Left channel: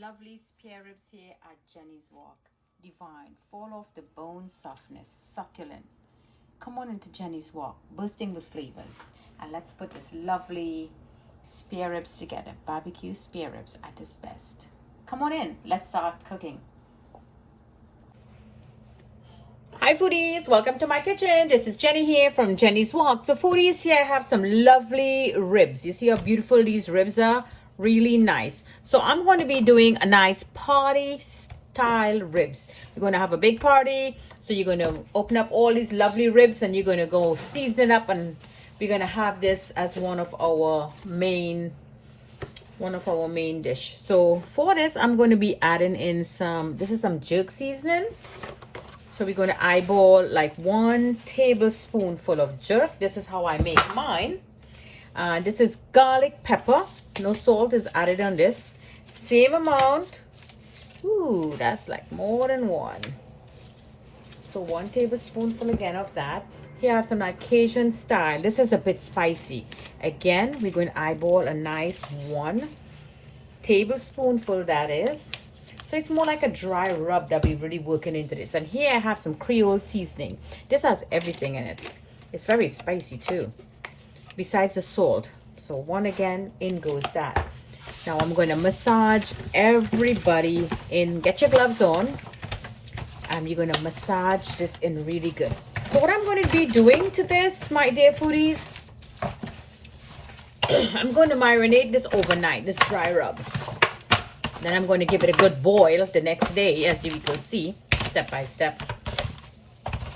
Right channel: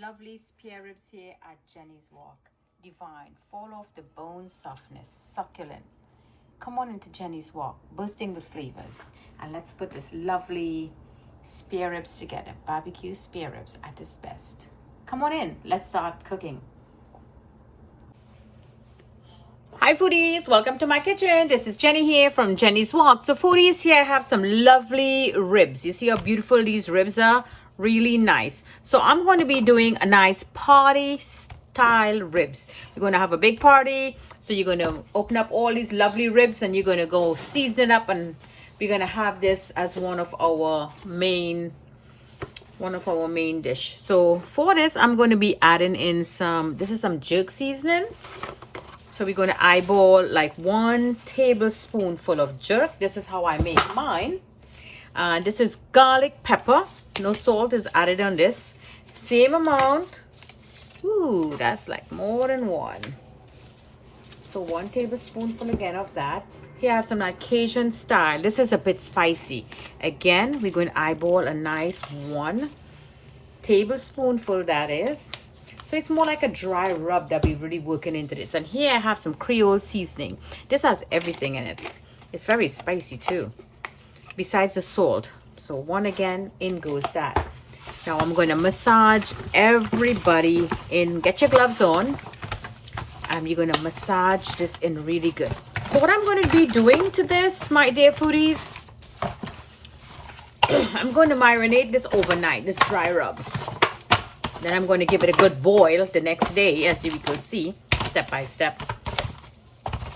Lovely spare ribs here at Jenny's Walk. Divine, fall off the bone softness, succulent. Come on into Jenny's Walk, bursting with flavors. And let's put this lovely spare ribs together. Barbecue spare ribs at its best. Come on in, let's start cooking. Hi foodies, welcome to my kitchen. This is Jenny here from Jenny's Walk. So foodies, here I have some lovely ribs. You see how beautiful these ribs are? Really nice. So I'm going to be doing a nice party style ribs. We're going to have a big party. So you're going to open up all these lovely ribs and you're going to go season it up, and we're going to have this as one of our main dish. So for this, I'm going to be adding in some jerk seasoning. So we're going to eyeball like 1 tablespoonful of jerk. This is how I make mine. This is garlic pepper. No salt is added on this. Same amount. Ooh, that's like more than 1. So 1 tablespoonful again of that. Here I have some like Cajun style. This is a bit spicy. Again, we're going to eyeball a nice 1 tablespoonful, that is. So it's more like a dry rub that we're really working into this. And here I have some Creole seasoning. This has everything in it. It's very spicy too, besides the salt. So 1 again, in goes that. Now I'm going to massage everybody in. Get your gloves on. And you're going to massage this in really good. So what I'm going to be doing to this, my dear foodies, I'm going to marinate this overnight, this dry rub. Then I'm going to give it a good boil the next day, as you will see, step by step.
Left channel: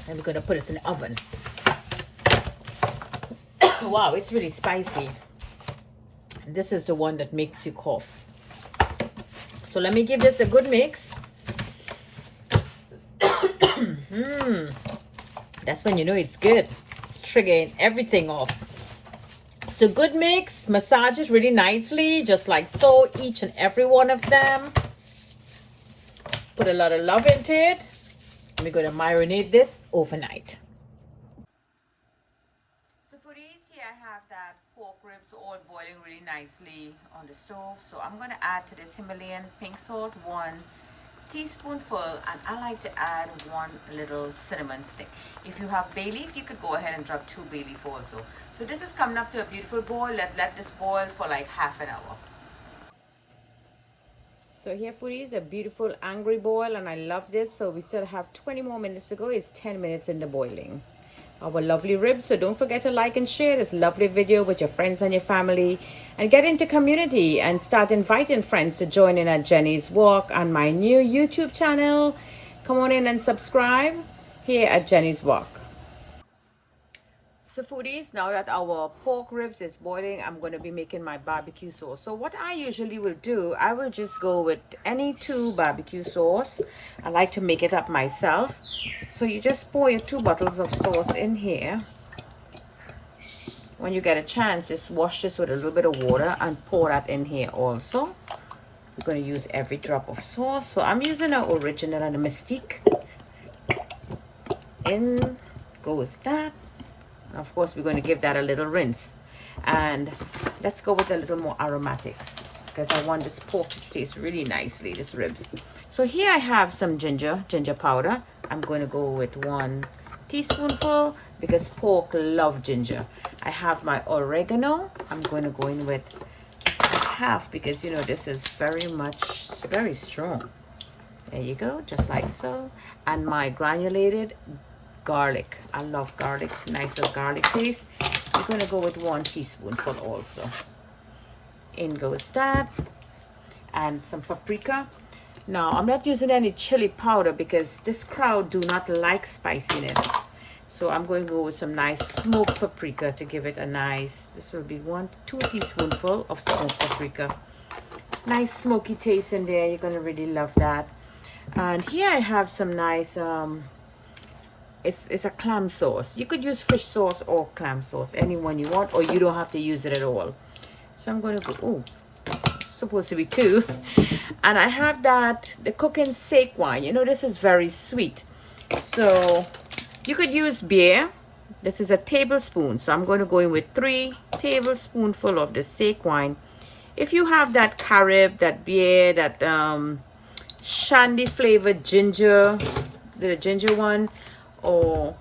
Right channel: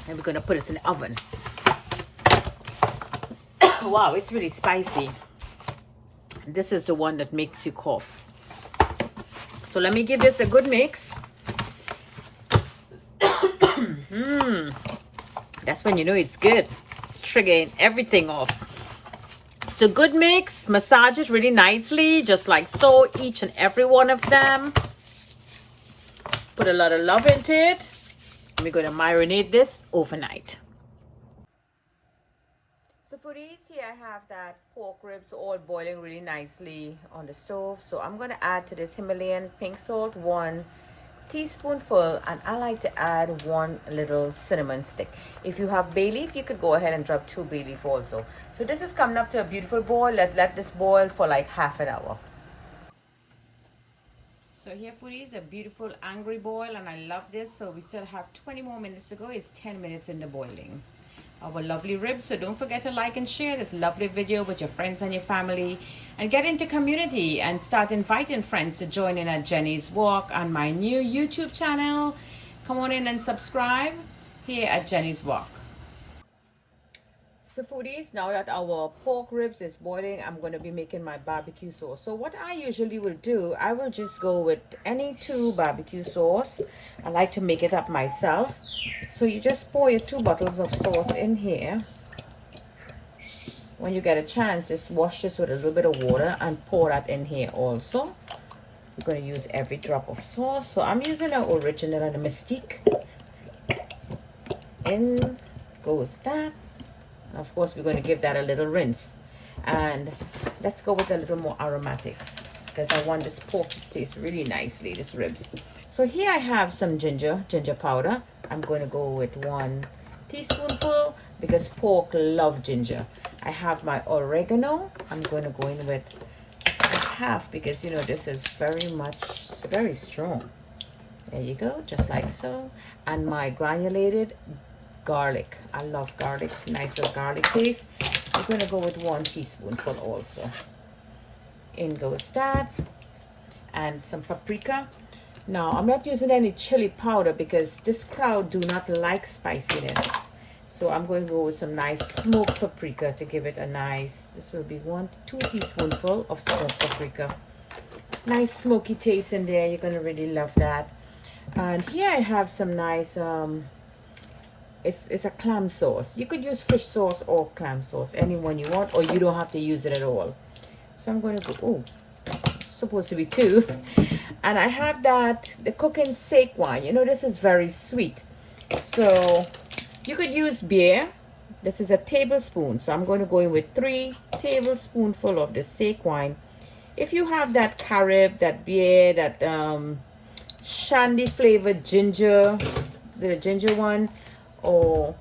And we're going to put it in the oven. Wow, it's really spicy. This is the one that makes you cough. So let me give this a good mix. That's when you know it's good. It's triggering everything off. So good mix, massage it really nicely, just like so, each and every one of them. Put a lot of love into it. And we're going to marinate this overnight. So for these here, I have that pork ribs all boiling really nicely on the stove. So I'm going to add to this Himalayan pink salt 1 teaspoonful, and I like to add 1 little cinnamon stick. If you have bay leaf, you could go ahead and drop 2 bay leaf also. So this is coming up to a beautiful boil. Let's let this boil for like half an hour. So here foodies, a beautiful angry boil, and I love this. So we still have 20 more minutes to go. It's 10 minutes in the boiling. Our lovely ribs. So don't forget to like and share this lovely video with your friends and your family, and get into community and start inviting friends to join in at Jenny's Walk on my new YouTube channel. Come on in and subscribe here at Jenny's Walk. So foodies, now that our pork ribs is boiling, I'm going to be making my barbecue sauce. So what I usually will do, I will just go with any 2 barbecue sauce. I like to make it up myself. So you just pour your 2 bottles of sauce in here. When you get a chance, just wash this with a little bit of water and pour that in here also. We're going to use every drop of sauce. So I'm using an original and a Mystique. In goes that. Of course, we're going to give that a little rinse. And let's go with a little more aromatics, because I want this pork to taste really nicely, this ribs. So here I have some ginger powder. I'm going to go with 1 teaspoonful because pork love ginger. I have my oregano. I'm going to go in with half because, you know, this is very strong. There you go, just like so. And my granulated garlic. I love garlic, nice little garlic taste. I'm going to go with 1 teaspoonful also. In goes that. And some paprika. Now, I'm not using any chili powder because this crowd do not like spiciness. So I'm going to go with some nice smoked paprika to give it a nice, this will be 2 teaspoonful of smoked paprika. Nice smoky taste in there. You're going to really love that. And here I have some nice it's a clam sauce. You could use fish sauce or clam sauce, any one you want, or you don't have to use it at all. So I'm going to go, oh, supposed to be 2. And I have the cooking sake wine. You know, this is very sweet. So you could use beer. This is a tablespoon. So I'm going to go in with 3 tablespoonful of the sake wine. if you have that carob, that beer, that shandy flavored ginger, the ginger one, or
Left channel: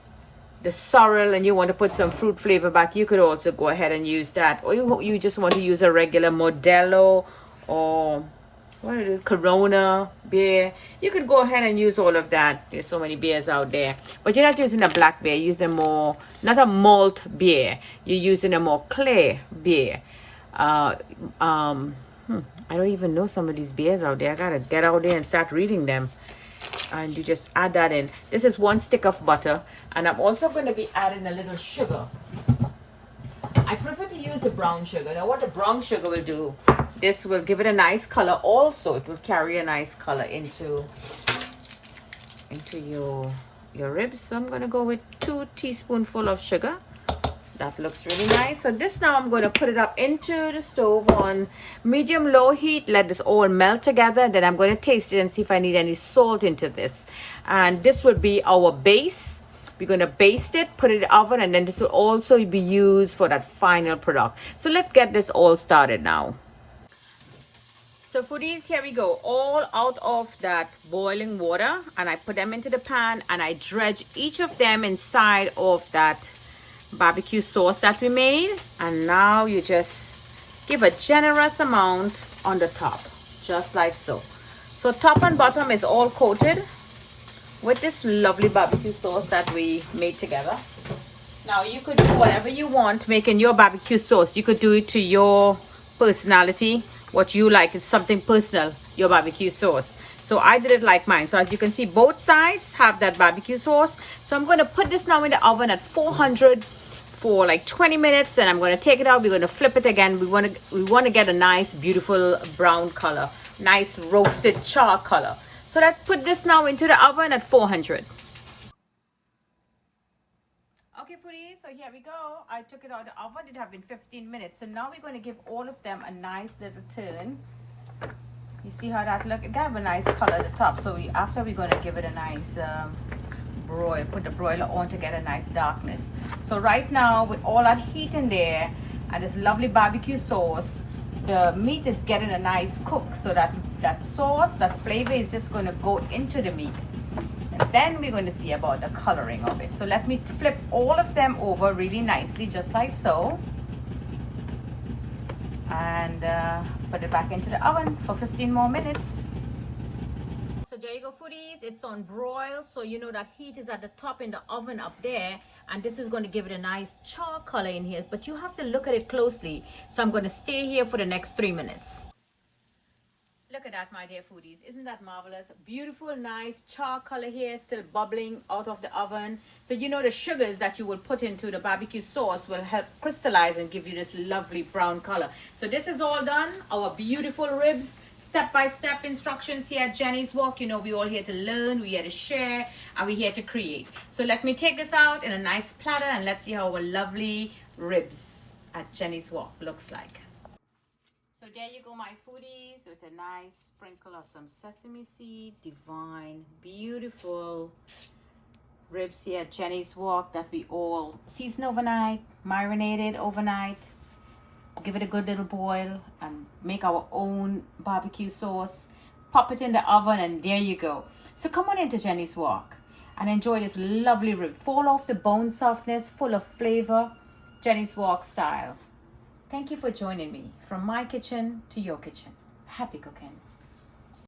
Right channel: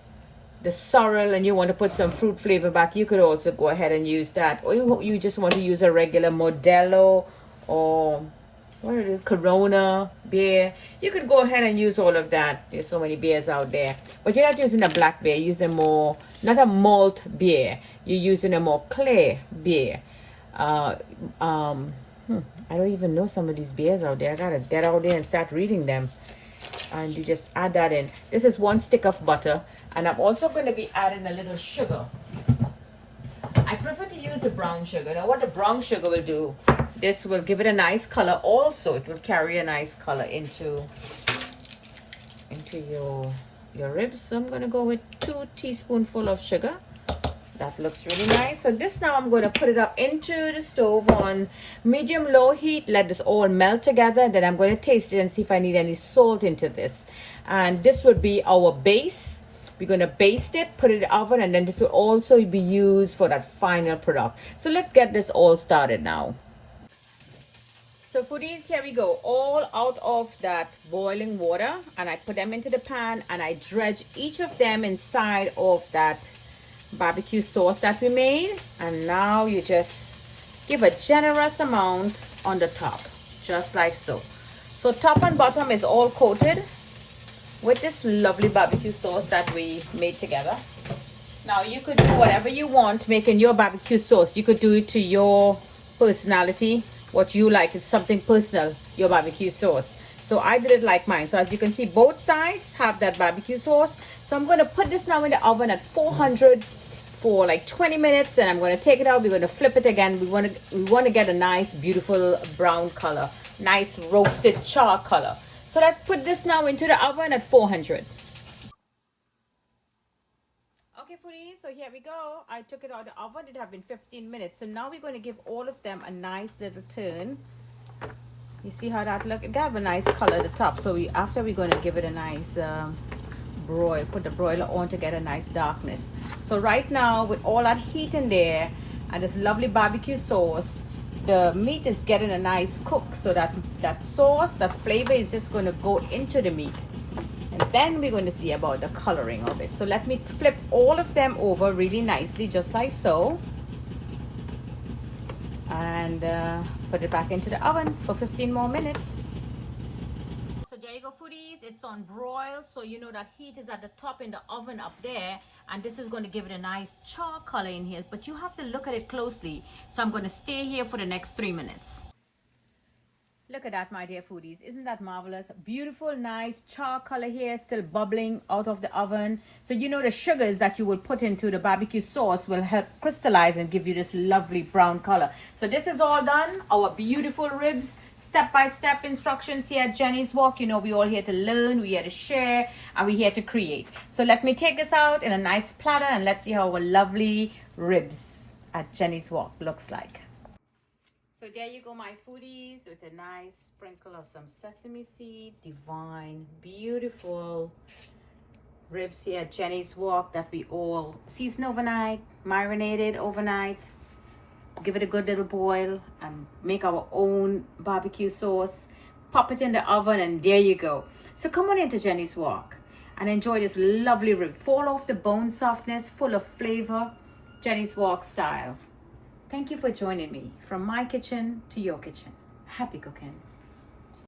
the sorrel, and you want to put some fruit flavor back, you could also go ahead and use that. Or you just want to use a regular Modelo or what it is, Corona beer, you could go ahead and use all of that. There's so many beers out there, but you're not using a black beer. You're using more, not a malt beer, you're using a more clear beer. I don't even know some of these beers out there. I gotta get out there and start reading them. And you just add that in. This is 1 stick of butter, and I'm also going to be adding a little sugar. I prefer to use the brown sugar. Now what the brown sugar will do, this will give it a nice color. Also, it will carry a nice color into your ribs. So I'm going to go with 2 teaspoonfuls of sugar. That looks really nice. So this now I'm going to put it up into the stove on medium low heat. Let this all melt together. Then I'm going to taste it and see if I need any salt into this. And this will be our base. We're going to baste it, put it in the oven, and then this will also be used for that final product. So let's get this all started now. So foodies, here we go. All out of that boiling water, and I put them into the pan, and I dredge each of them inside of that barbecue sauce that we made. And now you just give a generous amount on the top, just like so. So top and bottom is all coated with this lovely barbecue sauce that we made together. Now you could do whatever you want making your barbecue sauce. You could do it to your personality. What you like is something personal, your barbecue sauce. So I did it like mine. So as you can see, both sides have that barbecue sauce. So I'm going to put this now in the oven at 400 for like 20 minutes. And I'm going to take it out. We're going to flip it again. We want to get a nice, beautiful brown color, nice roasted char color. So let's put this now into the oven at 400. Okay, foodies, so here we go. I took it out of the oven. It had been 15 minutes. So now we're going to give all of them a nice little turn. You see how that look? It got a nice color at the top. So after we're going to give it a nice broil. Put the broiler on to get a nice darkness. So right now, with all that heat in there and this lovely barbecue sauce, the meat is getting a nice cook. So that sauce, that flavor is just going to go into the meat. And then we're going to see about the coloring of it. So let me flip all of them over really nicely, just like so. And put it back into the oven for 15 more minutes. So there you go, foodies. It's on broil. So you know that heat is at the top in the oven up there. And this is going to give it a nice char color in here. But you have to look at it closely. So I'm going to stay here for the next 3 minutes. Look at that, my dear foodies. Isn't that marvelous? Beautiful, nice char color here, still bubbling out of the oven. So you know the sugars that you will put into the barbecue sauce will help crystallize and give you this lovely brown color. So this is all done. Our beautiful ribs, step-by-step instructions here at Jenny's Walk. You know, we're all here to learn, we're here to share, and we're here to create. So let me take this out in a nice platter and let's see how our lovely ribs at Jenny's Walk looks like. So there you go, my foodies, with a nice sprinkle of some sesame seed. Divine, beautiful ribs here at Jenny's Walk that we all seasoned overnight, marinated overnight. Give it a good little boil and make our own barbecue sauce. Pop it in the oven and there you go. So come on into Jenny's Walk and enjoy this lovely rib. Fall off the bone softness, full of flavor, Jenny's Walk style. Thank you for joining me from my kitchen to your kitchen. Happy cooking.